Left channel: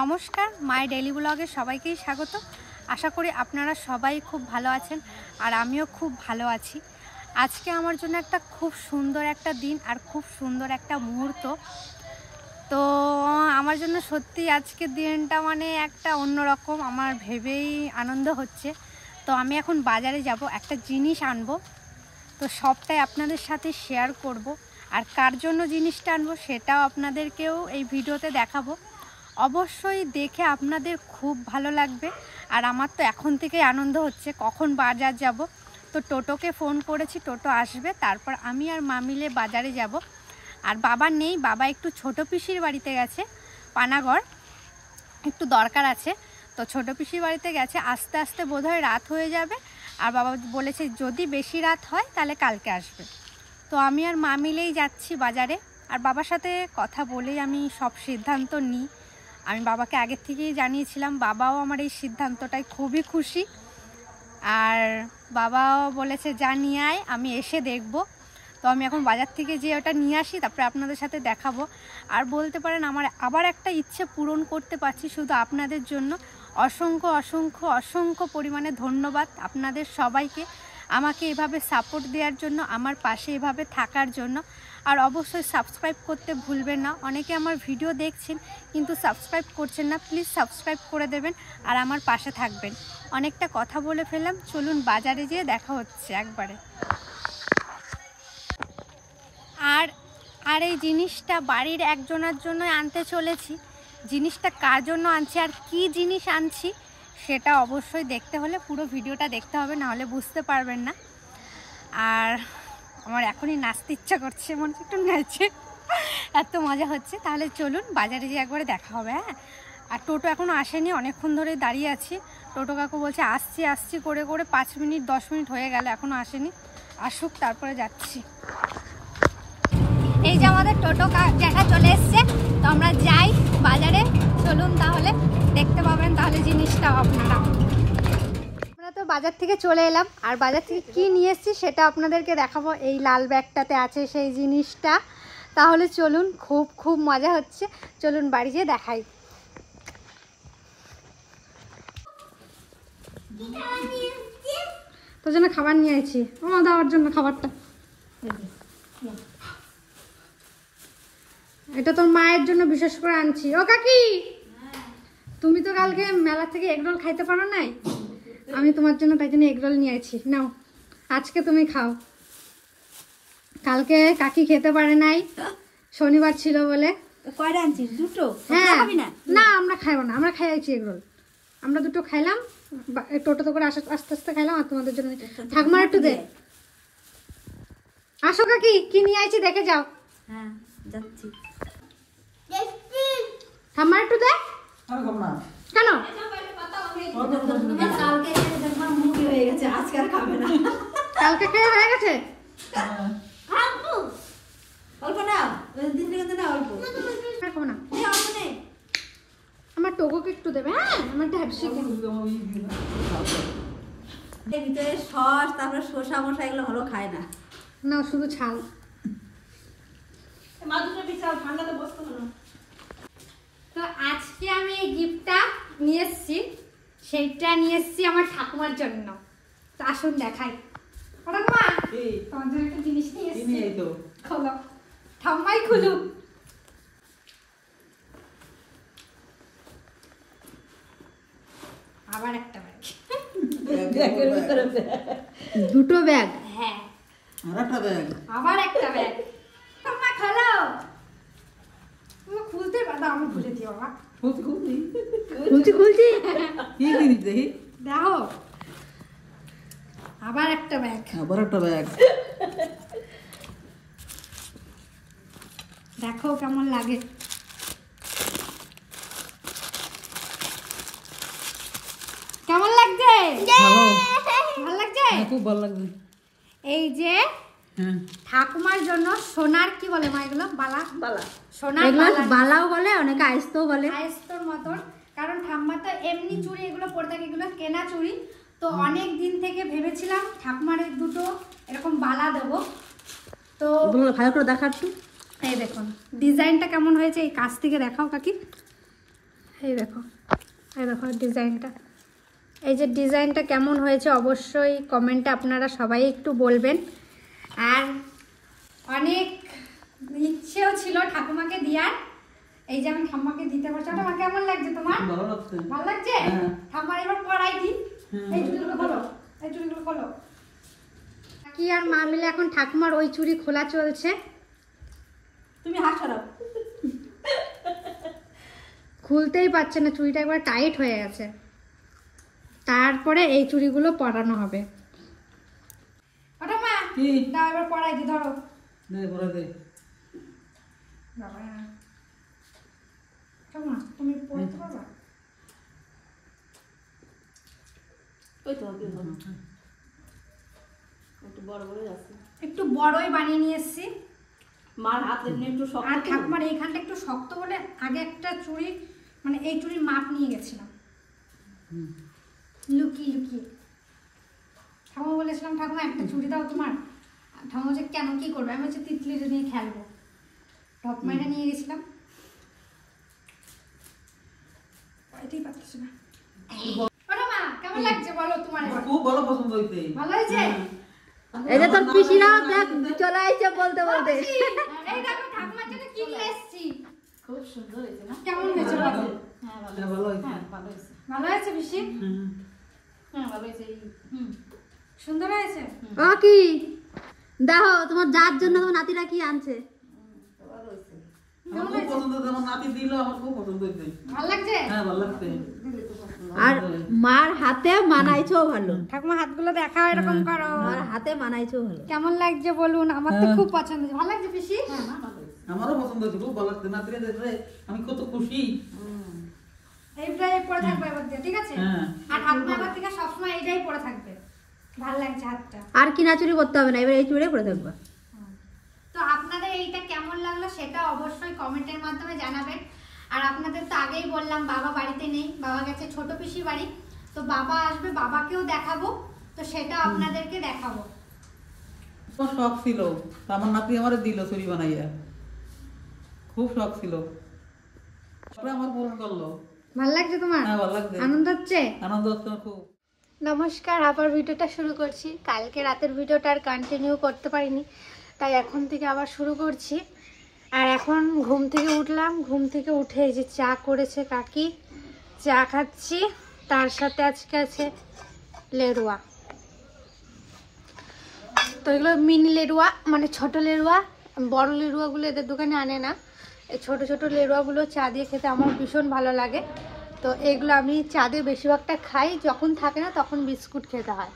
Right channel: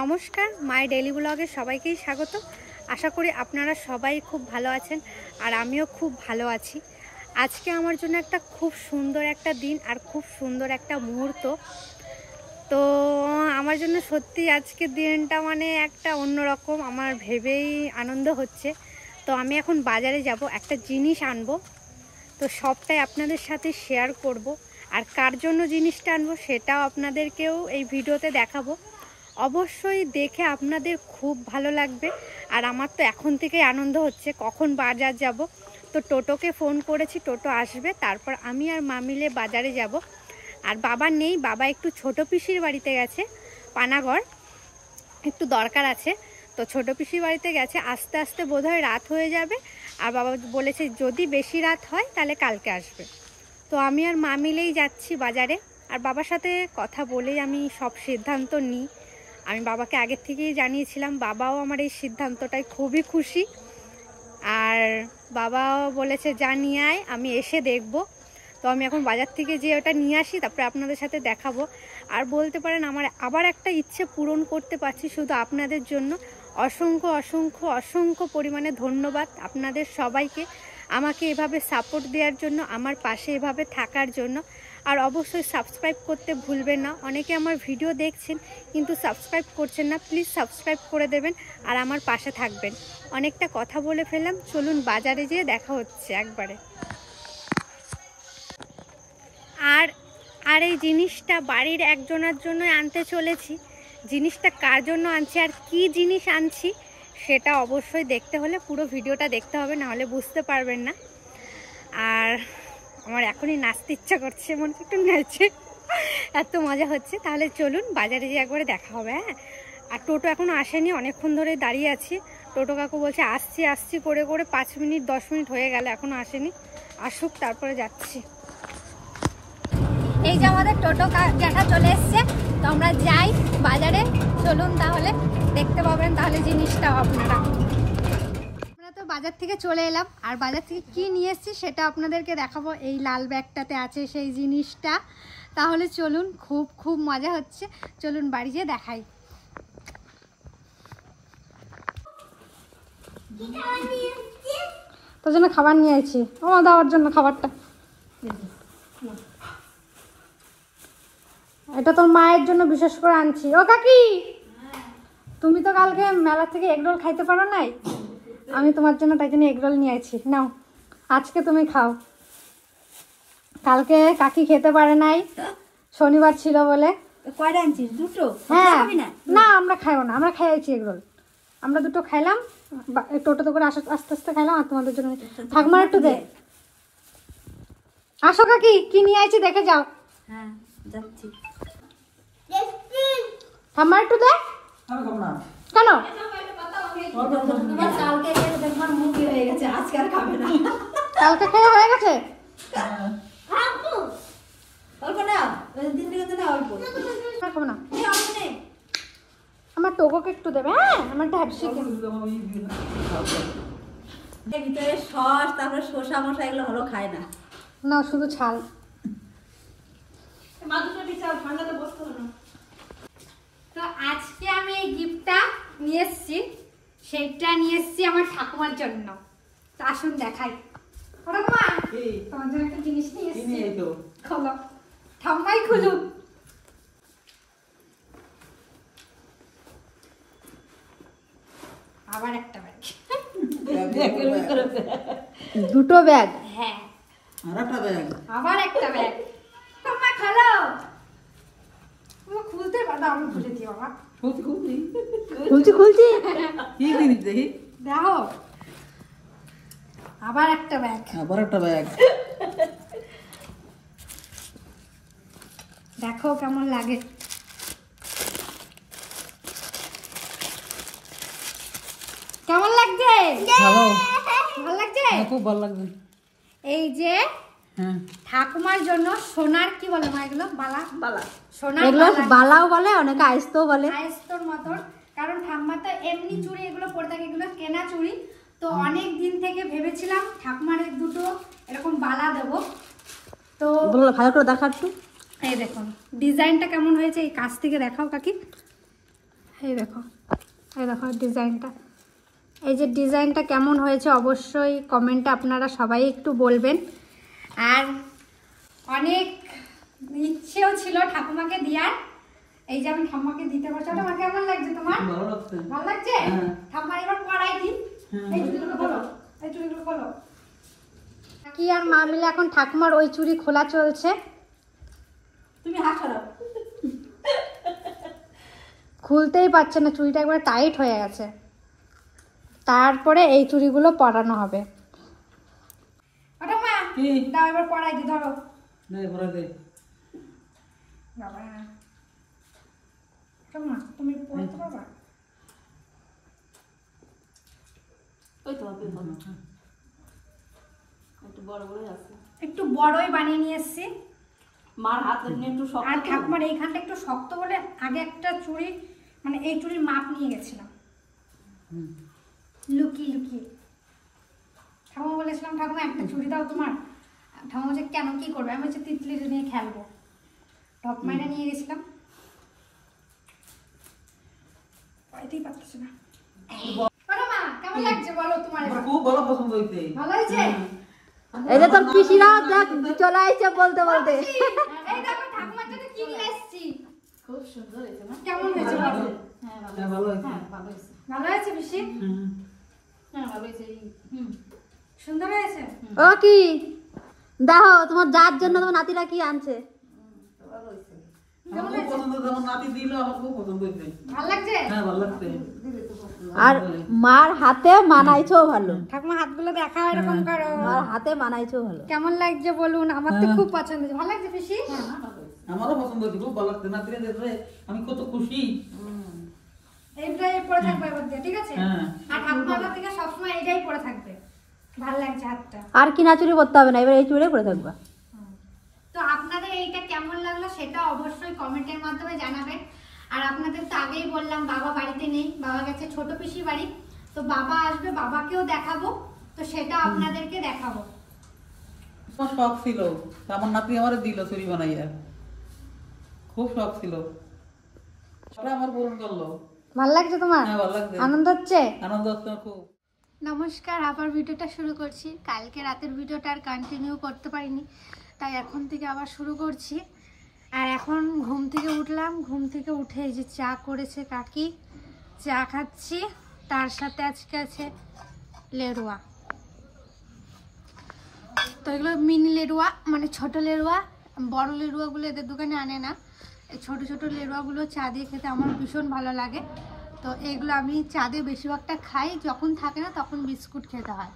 নমস্কার, my daily ব্লগে সবাইকেই স্বাগত। আশা করি আপনারা সবাই খুব ভালো আছেন আর আমিও খুব ভালো আছি। আজকে আমার জন্য একটা খুব সুন্দর একটা দিন আর খুব সুন্দর একটা মুহূর্ত। তো আমার জন্য সত্যি আজকের দিনটা মানে একটা অন্যরকম, আমার ভেবেই আনন্দ হচ্ছে। তো আমি এখন বাজারে যাব, একটা জিনিস আনবো, তো সবটাই আপনাদের সাথে শেয়ার করব। আর কার জন্য জিনিসটা আনবো সেটাও আপনাদেরকেও এই ভিডিওতে দেখাবো। অবশ্যই দেখে আপনাদের খুব ভালো লাগবে। আর আমার তো এখন থেকেই আনন্দ হচ্ছে কখন বাজার যাব। তো টোটোকে ফোন করেছি, টোটো আসবে, তারপর আমি আর মা মিলে বাজারে যাব। আর বাবা নেই, বাবা একটু ছোট পিসির বাড়িতে গেছে, পানাগড়, একটু দরকার আছে। তো ছোট পিসির বাড়িতে গেছে, আস্তে আস্তে বোধহয় রাত হয়ে যাবে। আর বাবা বলেছে যদি বেশি রাত হয় তাহলে কালকে আসবে। তো আমি আর মা মিলেই যাচ্ছি বাজারে। আর বাবার সাথে কথা বলেই আমি সব সিদ্ধান্ত নিই। আমি বাবাকে আগের থেকেই জানিয়েছিলাম, বাবাও আমার এই সিদ্ধান্তটায় খুবই খুশি। আর বাবাও বলেছে যা নিয়ে আয়, আমি এসে দেখব। তো আমি এখন বাজার থেকে যে ওটা নিয়ে আসি, তারপরে আপনাদের সাথে দেখাবো। আর বলতে পারেন আমার আবার একটা ইচ্ছে পূরণ করতে পারছি শুধু আপনাদের জন্য। অসংখ্য অসংখ্য অসংখ্য পরিমাণে ধন্যবাদ আপনাদের সবাইকে, আমাকে এভাবে সাপোর্ট দেওয়ার জন্য, আমার পাশে এভাবে থাকার জন্য। আর অবশ্যই সাবস্ক্রাইব করতে ভুলবেন না। অনেকে আমার ভিডিও দেখছেন কিন্তু সাবস্ক্রাইব করছেন না, প্লিজ সাবস্ক্রাইব করে দেবেন আর আমার পাশে থাকবেন। অনেকটা কথা বলে ফেললাম, চলুন বাজারে যেয়ে দেখা হচ্ছে একবারে। আর এই জিনিসটা বাড়ির একজনের জন্য আনতে চলেছি। জিনিসটা কার জন্য আনছি আর কি জিনিস আনছি সেটা অবশ্যই দেখতে হলে পুরো ভিডিওটা দেখতে হবে, নাহলে বুঝতে পারবেন না। আর আমার এখনই নাচতে ইচ্ছা করছে, মনে একটু নাচছে, এত মজা হচ্ছে। তাহলে চলুন বাজারে যেয়ে একবারে দেখা হবে। হ্যাঁ, আর টোটো এখনও আসেনি, অনেকক্ষণ ধরে দাঁড়িয়ে আছি। টোটো কাকু বলছে আসছি আসছি করে করে 5 মিনিট 10 মিনিট হয়ে গেল, এখনও আসেনি। আসুক তারপরে যাচ্ছি। এই যে আমাদের টোটো জ্যাঠা চলে এসছে, তো আমরা যাই বাজারে। চলুন তাহলে, দেখতে পাবেন তাহলে জিনিসটাও আপনারা। আমরা তো বাজার থেকে চলে এলাম, আর বাজার থেকে কি নিয়ে এসেছি সেটা আপনাদেরকে দেখাবো। এই লাল ব্যাগটাতে আছে সেই জিনিসটা। তাহলে চলুন, খুব খুব মজা হচ্ছে, চলুন বাড়ি যেয়ে দেখাই। তোর জন্য খাবার নিয়ে আইছি, আমার দেওয়ার জন্য খাবারটা। এটা তোর মায়ের জন্য বিশেষ করে আনছি। ও কাকি, তুমি তো কালকে মেলা থেকে এগরোল খাইতে পারো নাই, আমি তোমার জন্য তাই জন্য এগরোল নিয়ে আইছি। নাও, আজকে তুমি খাও। কালকে কাকি খেতে পারে নাই, শনিবার ছিল বলে। কয়টা আনছিস? দুটো? হ্যাঁ, না আমরা খাইবো না, আমরা খাইছি এগরোল। আমরা দুটো খাইলাম, টোটোতে করে আস্তে আস্তে খাইলাম। আর তোমাদের জন্য ঠাকুমার একটু দে। আসো কাকি, কি নিয়ে আইছি দেখে যাও। হ্যাঁ যাচ্ছি। ঠাকুমার একটু দে। কেন? কালকে দেখবার মুখে হয়ে গেছে, আজকে আর খাবে না। কালকে খাওয়া হয়ে গেছে? অল্প না, দিন থেকে না অল্প। খাবো না, আমার টোকোকে একটু দেবে। হ্যাঁ, আমার ঢ্যাপসি ভিতরে সস, তারপরে শসা মশা এগুলো হলো খায় না, না শুধু ছাল। তো আজকে আমি এই গিফটটা নিয়ে এসেছি, সেইটা নিয়ে এসেছি আমার ঠাকুমার জন্য। তো আসুন দেখাই। ঠাকুমা, তোমার জন্য একটা জিনিস নিয়ে এসেছি। খোলো, ঠাকুমাই খুলুক। আবার একটা ব্যাগ, দুটো ব্যাগ। হ্যাঁ, আবার একটা ব্যাগ। ঠাকুমা খালো, খুলতে পারো? আমি খুলে দিই বাবা। খুলছি দেখো, আবার একটা ব্যাগ। দেখো কেমন লাগে। কেমন লাগছে? ভালো লাগছে, খুব ভালো লাগছে। এই যে ঠাকুমার জন্য সোনার, কি বলে মা এগুলো, বালা, সোনার বালাও বলে, অনেকে আইস্তও বলে, আইস্তর মতন। কারণ ঠাম্মা তো এমনি চুড়ি এগুলো পরে থাকে, এগুলো কেনা চুড়ি। তো অনেক দিন থেকে ভেবেছিলাম ঠাকুমার এই দুটো এরকম বালা দেবো। তো ভালো করে দেখা একটু, এই দেখুন ডিজাইনটা কেমন হয়েছে, এই কাছ থেকে দেখাও কাকি। এই দেখো ডিজাইনটা, এই যে ডিজাইনটা কেমন হয়েছে অবশ্যই কমেন্টে আপনারা সবাই একটু বলবেন। আর অনেক ইচ্ছেও ছিল ঠাকুমাকে দেওয়ার, এই যে আমি ঠাম্মাকে দিতে পারছি। তোমার কেমন লাগছে? তোমার ভালো লাগছে? ঠাম্মা এবার পড়াই দিন। এই চুড়িগুলো খোলো, এই চুড়িগুলো খোলো। কি আর মা মিলে এখন ঠাকুমার ওই চুড়ি খোলা চলছে। তুমি হাত সরাও। খুলতেই পারছে না, চুড়িটা একবার টাইট হয়ে গেছে। তারপরে এই চুড়িগুলো পরানো হবে। ওটা মা দাও এবার পরাই দি, ধরো। বাবা মা তুমি পড়তে পারবা? একটু বড়ই বানিয়ে নিয়ে এসছি। মার হাতে একটু শক্ত, আর ঠাকুমার এইখানটা একটু শক্ত বলে আগে একটা চুড়ি মানে এই চুড়ির মাপ নিয়ে গেছিলাম লুকিয়ে। ঠাকুমা বলেছিলাম ঠাকুমা একটা চুড়ি দাও তোমার। ঠাকুমা বলছে কেন, কি করবে? আমি হচ্ছে তিতলি নিয়ে খেলবো। ঢপ মাইরা নিয়ে গেছিলাম, পাইতেই পারতেছি না। কেমন লাগছে বলো তোমার? খুব ভালো পছন্দ হইছে। ভালো হয়েছে? এই যে তোর পিসিরা দেখ চলে আইছে বলতে বলতে। এই দেখো ঠাকুমার জন্য কি নিয়ে এসেছি। খুব সুন্দর হয়েছে না? কেমন হয়েছে বলো? হ্যাঁ ভালো হয়েছে। ভালো হয়েছে। ভালো হয়েছে পিসি? হ্যাঁ ভালো হয়েছে। সুন্দর হয়েছে। ও কি দেখো তোমার যার জন্য তোমার নাতিরা কি আনছে। আমার খুব পছন্দ, আমার নাতি দিল, আমার খুব পছন্দ হইছে। ভালো লাগছে? হ্যাঁ ভালো লাগছে। আর মার হাতে মানাইছো ভালো। ঠাকুমা হাতগুলো দেখাও, এরকম করো। মার হাতে মানাইছো ভালো। কেমন লাগছে বলুন? আমার তো খুব পছন্দ হয়েছে। ভালো লাগছে পিসি? আমারও পছন্দ হয়েছে, খুব ভালো লাগছে। নাতিরা দেখলে আমি কত খুশি। এইটাই পরে থাকবে এবার দিয়ে, ঠিক আছে? হ্যাঁ। আর ঠাকুমা এবার থেকে সবসময় এইটাই পরে থাকবে। ভালো লাগছে হাতটা। আর কিনা চুরি করতে হবে না, এবার এই চুড়ি পরে থাকবা। তো আপনাদের এইটা কেমন লাগলো সেটা অবশ্যই কমেন্টের মাধ্যমে জানাবেন। আর আপনাদের তো আগেই বললাম বাবা বাড়িতে নেই, বাবা গেছে ছোট পিসির বাড়ি। তো বাবা আসবে, বাবাকেও দেখাবো, তো সেটা আপনাদেরকে দেখাবো। খুব শখ ছিল, আমার নাতি আমার দিল চুরি বানাইয়া, খুব শখ ছিল, আমার পূরণ করলো। ভালো লাগছে তোমার? হ্যাঁ ভালো লাগছে, আনন্দ হচ্ছে? আনন্দ হচ্ছে খুব। নমস্কার, আবার ভিডিওটা শুরু করছি। কালকে রাতের ভিডিওটা আর কন্টিনিউ করতে পারিনি, তাই এখন থেকে আবার শুরু করছি। আর এখন ঘুম থেকে উঠলাম, ঘুম থেকে উঠে এই যে চা করেছে কাকি, চা খাচ্ছি। তার সাথে আজকে আছে লেরুয়া। তো এগুলো মিনি লেরুয়া, মানে ছোট লেরুয়া। বড় লেরুয়াগুলো এদের দোকানে আনে না। এই ছোট ছোট লেরুয়াগুলো চা দিয়ে খেতে আমার ভীষণ ভালো লাগে। তো এগুলো আমি চা দিয়ে বেশিরভাগটা খাই, যখন থাকে না তখন বিস্কুট খেতে হয়।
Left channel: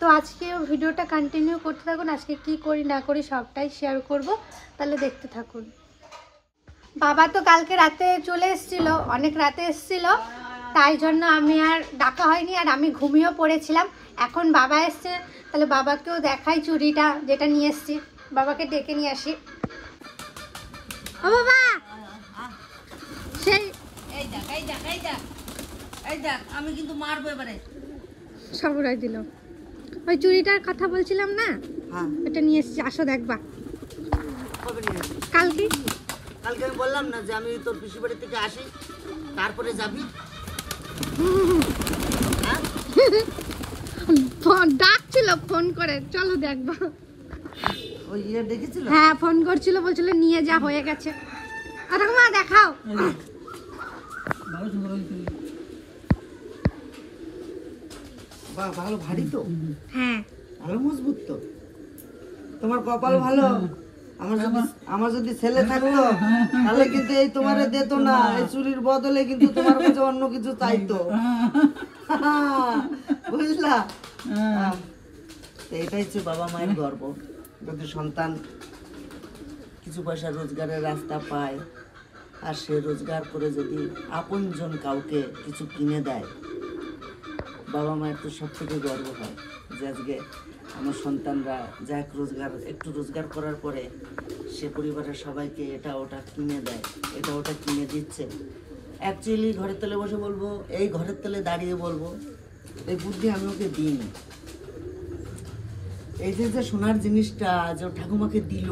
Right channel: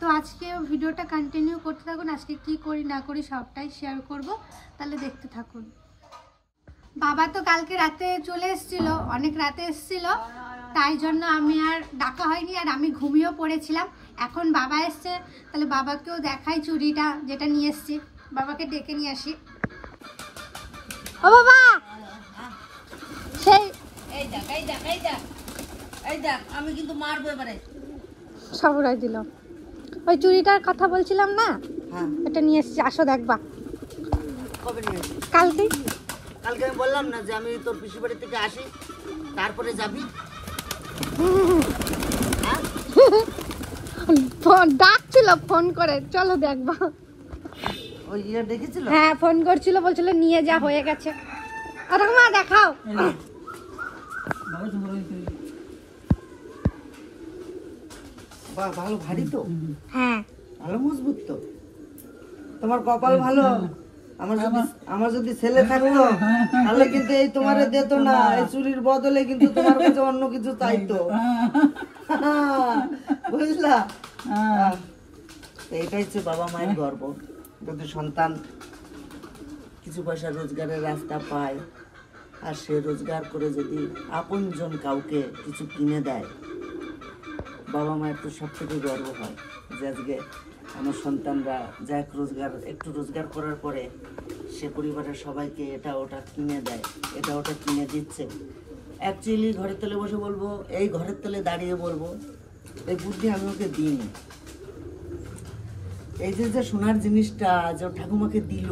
তো আজকে ভিডিওটা কন্টিনিউ করতে থাকুন, আজকে কি করি না করি সবটাই শেয়ার করব, তাহলে দেখতে থাকুন। বাবা তো কালকে রাতে চলে এসেছিল, অনেক রাতে এসেছিল, তাই জন্য আমি আর ডাকা হয়নি, আর আমি ঘুমিয়েও পড়েছিলাম। এখন বাবা এসছে, তাহলে বাবাকেও দেখাই চুড়িটা যেটা নিয়ে এসছি। বাবাকে ডেকে নিয়ে আসি। ও বাবা, সেই আমি কিন্তু মারবো এবারে। সবরাই দিল। ওই চুড়িটার কথা বলছিলাম না, এটা নিয়ে এসেছি, আসো দেখবা। কবে নিয়ে আসি? কালকে। কালকে আমি বললাম না যে আমি তোর পিসি বাড়ি থেকে আসি, তারপরে যাবি। হ্যাঁ? ডাকছিল ফোন করে, চলো দেখবা। ওই ইয়ে দেখেছিল? হ্যাঁ ফোন করছিল, বলছিল নিয়ে যা, হয়ে গেছে। আরে মা দেখাও। ভালো সুন্দর হয়েছে। বাহ, ভালো ভারী তো। হ্যাঁ ভালো মজবুত তো। তোমার কপাল ভালো। আমার যদি ছেলে থাকতো তাহলে কিন্তু এই তোমারে দিত না, এই চুরির বদলে কিন্তু তোমার কাছে অন্য কিছু চাইতো। বুঝলা? এটাই হচ্ছে বাবা মায়ের গর্ব, যদি সন্তান কিছু পয়সা রোজগারের রাস্তা পায়, আর সে রোজগার করে যদি আপনজন কাউকে কিছু কিনে দেয়, বাবা মায়ের তো সব থেকে গর্ব হয় যে আজকে আমার সন্তানরা যা একটু রোজগার করার পরে সে পরিবারের সবাইকে এটা ওটা কিনে দেয়, এটা ওটা কিনে দিচ্ছে। অ্যাকচুয়ালি ঘরের তলে বসে বলবো, এই ঘরের তলে দাঁড়িয়ে বলবো, এই বুদ্ধি আমি ওকে দিইনি। এই যে সোনার জিনিসটা যে ঠাকুমাকে দিল,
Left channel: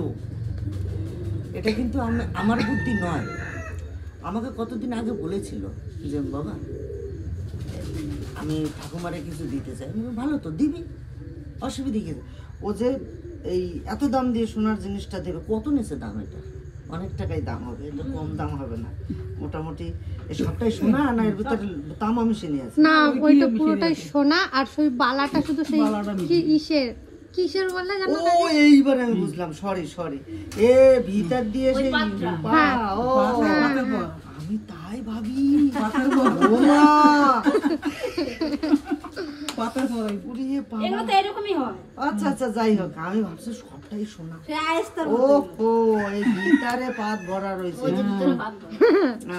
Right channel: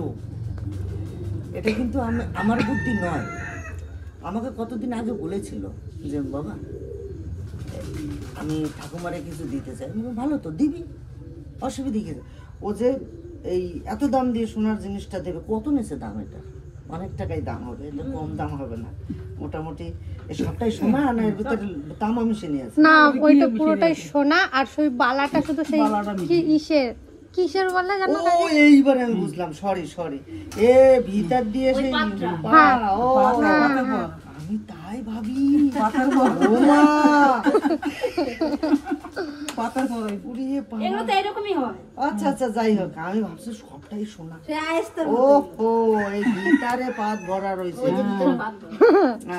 এটা কিন্তু আমার বুদ্ধি নয়, আমাকে কতদিন আগে বলেছিল যে বাবা আমি ঠাকুমারে কিছু দিতে চাই। আমি বললাম, ভালো তো দিবি, অসুবিধা কি? ও যে এই এত দাম দিয়ে সোনার জিনিসটা দেবে, কত নিচে দাম? এটা অনেক টাকাই দাম হবে, এটা কম দাম হবে না। মোটামুটি এই সবটাই সোনা না এর ভিতরে তামা মিশিয়ে নিয়ে আছে? না, ওইটা পুরোটাই সোনা, আর সেই বালাটা শুধু সেই বালাটা কি কিসের বলে জানো? ও এইবার আমি বুঝলাম, সরি এ ভিতর দিয়ে সেই হ্যাঁ। ও পাতের পর। আমি তাই ভাবি পাতের পর। ও মা পাতের পর। উড়িয়ে বাবা। এগুলো তো এরকমই হয়। আচ্ছা যাই হোক, আমি ভাবছি সবটাই সোনা। সে আয়েস্তার ও এই ভিতরে পাত ভরা রয়েছে।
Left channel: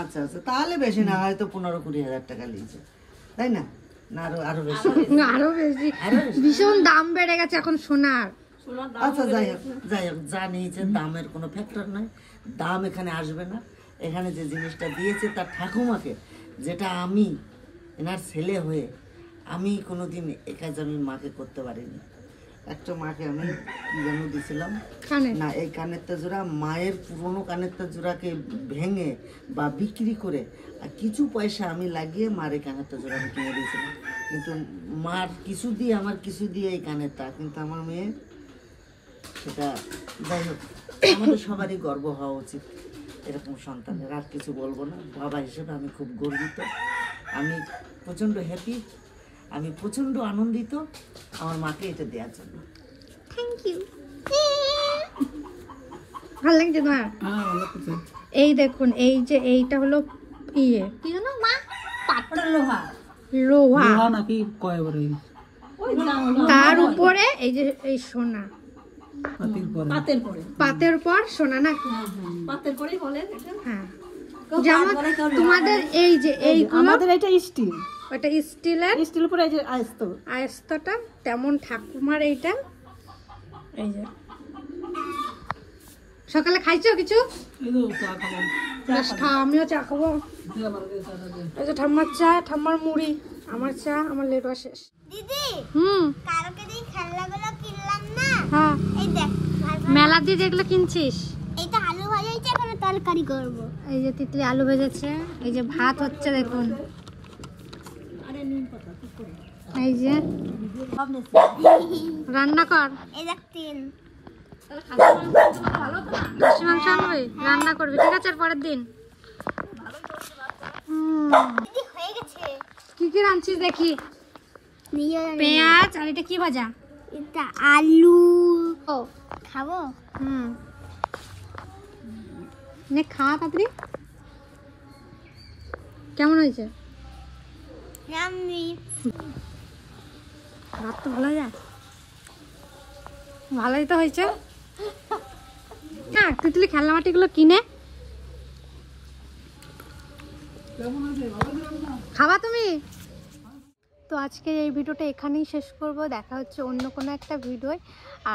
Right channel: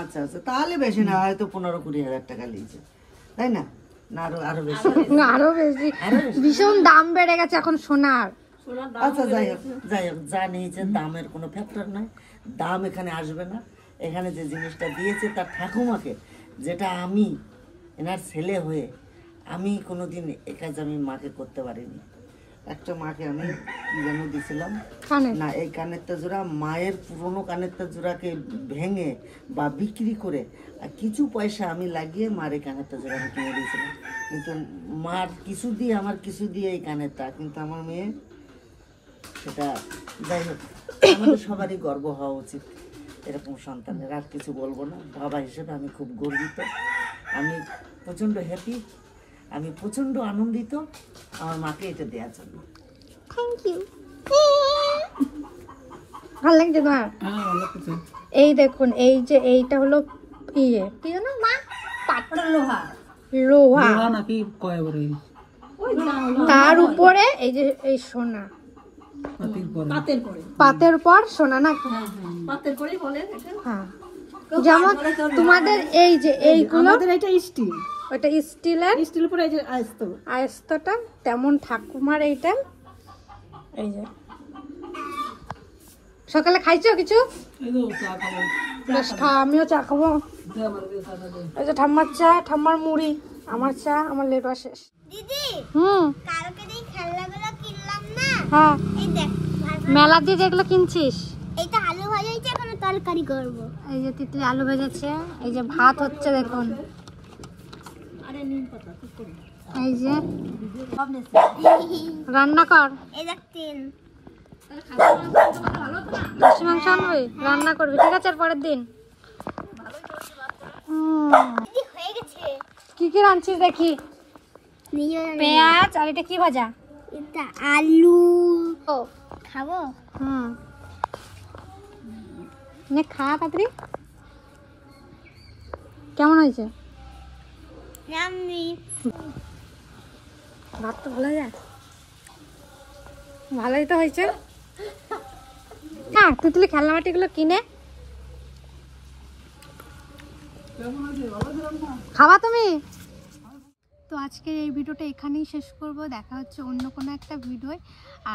আচ্ছা তাহলে বেশি না, হয়তো 15-20 হাজার টাকা লিয়েছে, তাই না? না আরো বেশি? না, আরো বেশি। ভীষণ দাম বেড়ে গেছে এখন সোনার। আচ্ছা যাই হোক যা নিয়েছে দামের কোনো ফ্যাক্টর নাই, দাম এখানে আসবে না। এখানে যে জিনিসটা দিয়েছে তার ঠাকুমাকে, যেটা আমি এনার ছেলে হয়ে আমি কোনোদিন এ কাজ আমি মাকে করতে পারিনি। একটা মাকে আমি কি যেন দিয়েছিলাম না, এই কানেরটা জোড়া মায়ের পুরনো কানেরটা জোড়াকে ভেঙে বা বিক্রি করে আর কিছু পয়সা আমি লাগিয়ে মার এই কানেরটা জোড়া আমি কিনে দিয়েছিলাম। কিন্তু মার কিছু দিয়ে আমার কিছু দিয়ে এই কানেরটা, কিন্তু আমার মেয়ে সেটা, যাই হোক আমাদের সবারই গর্ব হওয়া উচিত এরকম সন্তানের। আর কিছু বলবো না, বাবা হিসেবে আমি খুব গর্বিত, আমি প্রচণ্ড হ্যাপি, আমি প্রচণ্ড আনন্দিত আমার মাকে এটা দেওয়ার জন্য। Thank you. ভালো লাগছে তোমার? হ্যাঁ, ভালো করছে। এই দেখুন, এই যে এইটা হলো ইয়ে কি জানো মা, পাথর লোহা। লোহা, লোহা নাকি কয় বলে? ওই দাম তার উপরে এই যে এই সোনা, পাতির পরে। পাতের পরে। পাতের পর সোনা না? পাতের পরেই বলেন এটা। হ্যাঁ, যেমন তোমাদের এই যে এইগুলো, আমাদের এটা স্টিল, ওটা স্টিলের স্টিল উপরে এই যে আয়স্ত। আয়স্তটা, তেমন ঠাকুমার এইটা। এই যে সকালে খাইছো কিছু? এই তো চা খাবো। বেশ খাও, আমিও চা খাবো। দে আমার দে চাটা দে। এই যে ঠাম্মার চা, ঠাম্মার মুড়ি, আমার চা, আমার লেটুয়া শেষ। দিদি হুম, কালকে যে খেলনাগুলো কিনলাম না, হ্যাঁ, এই দেখ মেলা দিয়ে যেগুলো কিনছিস, এইটা আলু ভাজা হয়েছে, এখন তরকারি করব। এই যে তিতলি আলু ভেজেছে, এই যে ভাত হচ্ছে দেখুন, এই যে রান্না কর। এই দেখ তিন খাসি মাংস আনবি, রান্না করবি, ঠিক আছে? আর পরের দিন দিদি হয়ে গেছে। কি কি রাঁধছিস দেখি? নিয়ে যাবে। পেঁয়াজ, আর এটা কি ভাজা? এটা আলু ও, খাবো। হুম, নে খা তাড়াতাড়ি। কেমন হয়েছে? নামনি ভাত তো ভালো যায়, ভালোই তো হয়েছে। না, তিতলি খেলনা মাটিগুলো কিনে খাওয়া তুমি। তো আজকের এই ভিডিওটা এখানেই শেষ করব, দেখা হচ্ছে অন্য কোনো একটা ভিডিওয়।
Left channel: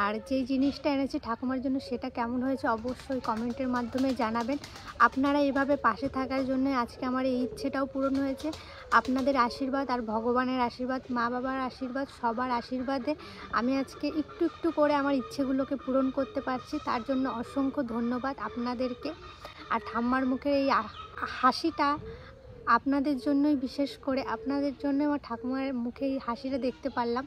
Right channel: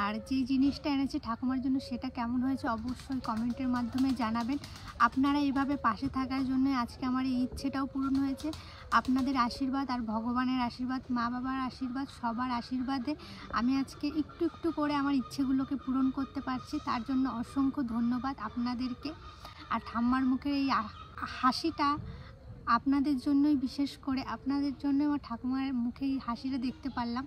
আর যেই জিনিসটা এনেছি ঠাকুমার জন্য সেটা কেমন হয়েছে অবশ্যই কমেন্টের মাধ্যমে জানাবেন। আপনারা এভাবে পাশে থাকার জন্য আজকে আমার এই ইচ্ছেটাও পূরণ হয়েছে। আপনাদের আশীর্বাদ আর ভগবানের আশীর্বাদ, মা বাবার আশীর্বাদ, সবার আশীর্বাদে আমি আজকে একটু একটু করে আমার ইচ্ছেগুলোকে পূরণ করতে পারছি। তার জন্য অসংখ্য ধন্যবাদ আপনাদেরকে। আর ঠাম্মার মুখের এই হাসিটা আপনাদের জন্যই, বিশেষ করে আপনাদের জন্য আমার ঠাকুমার মুখে এই হাসিটা দেখতে পারলাম।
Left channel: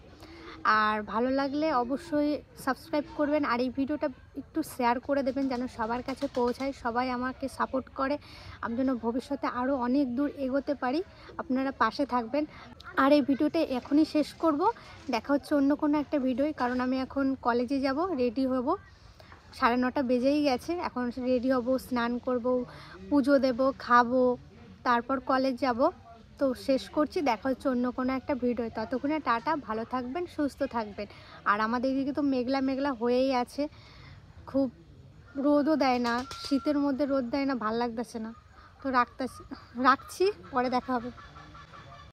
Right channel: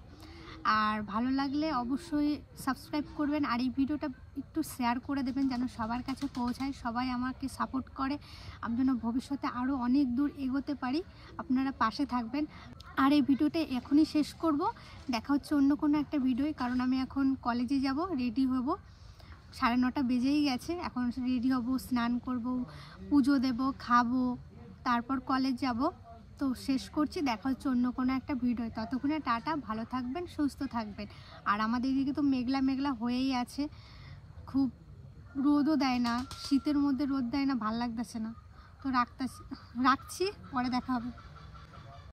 আর ভালো লাগলে অবশ্যই সাবস্ক্রাইব করবেন, আর এই ভিডিওটা একটু শেয়ার করে দেবেন যেন সবার কাছে পৌঁছায়, সবাই আমাকে সাপোর্ট করে, আমি যেন ভবিষ্যতে আরও অনেক দূর এগোতে পারি। আপনারা পাশে থাকবেন। আর এই ভিডিওটা এখনই শেষ করব, দেখা হচ্ছে অন্য কোনো একটা ভিডিওয়, কারণ আমি এখন কলেজে যাব, রেডি হব, 9:30 বেজেই গেছে। এখন রেডি হব, স্নান করব, পুজো দেব, খাবো, তারপর কলেজ যাব। তো শেষ করছি, দেখা হচ্ছে অন্য কোনো একটা ভিডিও। ততক্ষণে টাটা, ভালো থাকবেন, সুস্থ থাকবেন। আর আমাদের এদিকে তো মেঘলা মেঘলা হয়েই আছে, খুব রোদও দেয় না, শীতের মধ্যে রোদ দেয় না, ভাল লাগতেছে না। তো রাখছি, পরে দেখা হবে।